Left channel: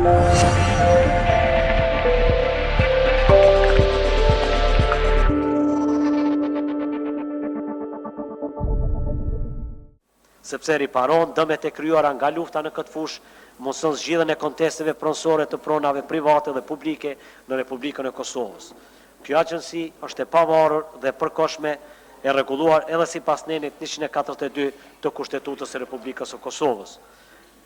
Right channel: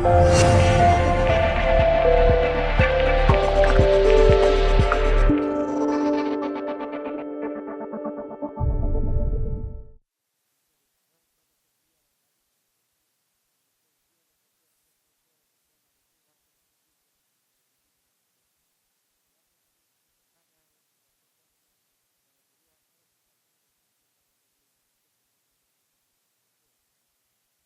Sepse riparon dëmet e kryuara nga lufta në këtë fushë, mundson zgjidhjen e kontesteve pronësore të pronave private dhe publike në Republikën e Kosovës. Kjo agjenci është e pavarur dhe përkohshme, e rregulluar edhe sipas nenit 142 të Kushtetutës së Republikës së Kosovës.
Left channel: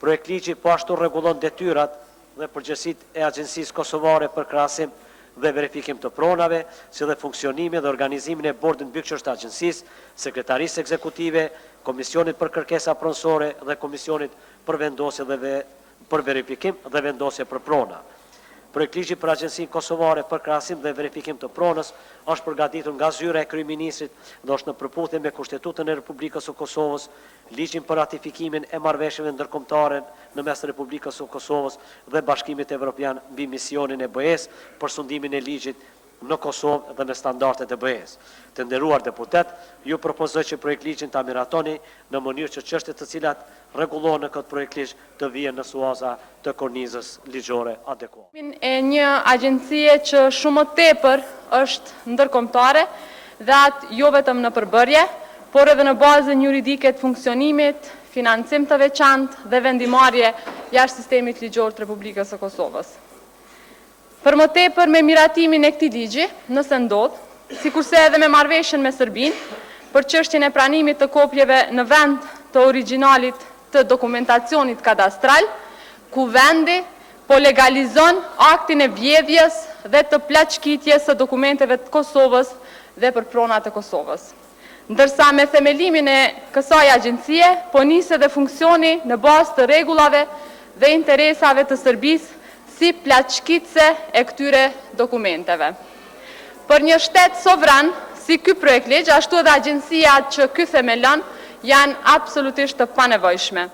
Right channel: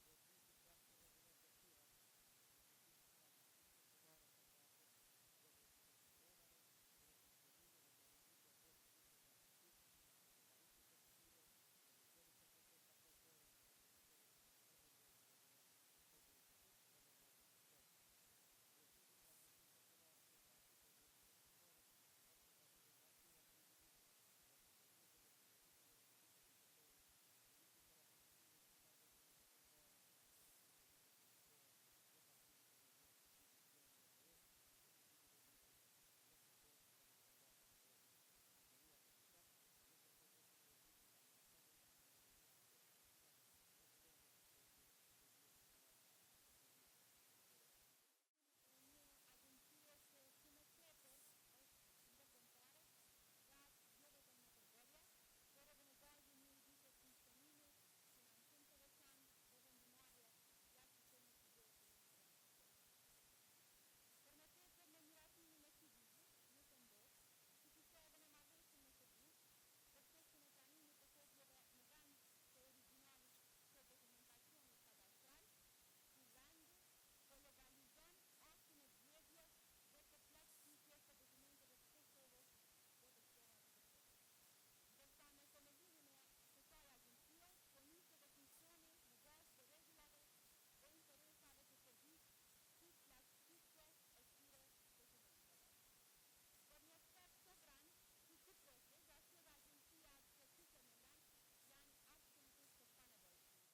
Projektligji po ashtu rregullon detyrat dhe përgjegjësitë e Agjencisë Kosovare për krahasim dhe verifikim të pronave, si dhe funksionimin dhe organizimin e bordit mbikëqyrës të agjencisë, sekretarisë ekzekutive, Komisionit për kërkesa pronësore dhe Komisionit për vendosje dhe për verifikim dhe vendosje për prona. Projektligji për Agjencinë Kosovare për krahasim dhe verifikim të pronës është përgatitur nga zyra e kryeministrit dhe është në përputhje me Kushtetutën e Republikës së Kosovës, ligjin për ratifikimin e marrëveshjeve ndërkombëtare në mes Republikës së Kosovës dhe Bashkimit Evropian mbi misionin e BE-s për sundimin e ligjit në Kosovë dhe në standardet e BE-s. Të nderuar deputet, ju propozoj që projektligjin ta miratoni në mënyrë që çështjet të cilat rregullohen në këtë projektligj të vijnë në suaza të kornizës ligjore adekuate. E një agjencie që shumë më tepër është ndërkombëtare dhe atë jo vetëm në përbërje, por edhe në bazën juridike të funksionimit, financim të veçantë dhe vendimarrje jashtë sistemit ligjor të Republikës së Kosovës. Për më tepër me miratimin e këtij ligji, nëse ndodh, sikurse edhe me marrëveshjen me Serbinë, për çështjen e pranimit të kopjeve në vend të originalit të dokumentacionit kadastral, ku vendi po legalizon aktin e vjedhjes dhe të plaçkitjes së dokumenteve të Kosovës dhe për pronat e Kosovës. Ndërsa me themelimin e kësaj agjencie, po nis edhe funksioni në bazë të rregullave dhe interesave të Serbisë si plaçkitse e këtyre dokumenteve. Për një shtet sovran, si ky projektligj, ashtu edhe agjencijat që ky themelon, janë absolutisht të panevojshme.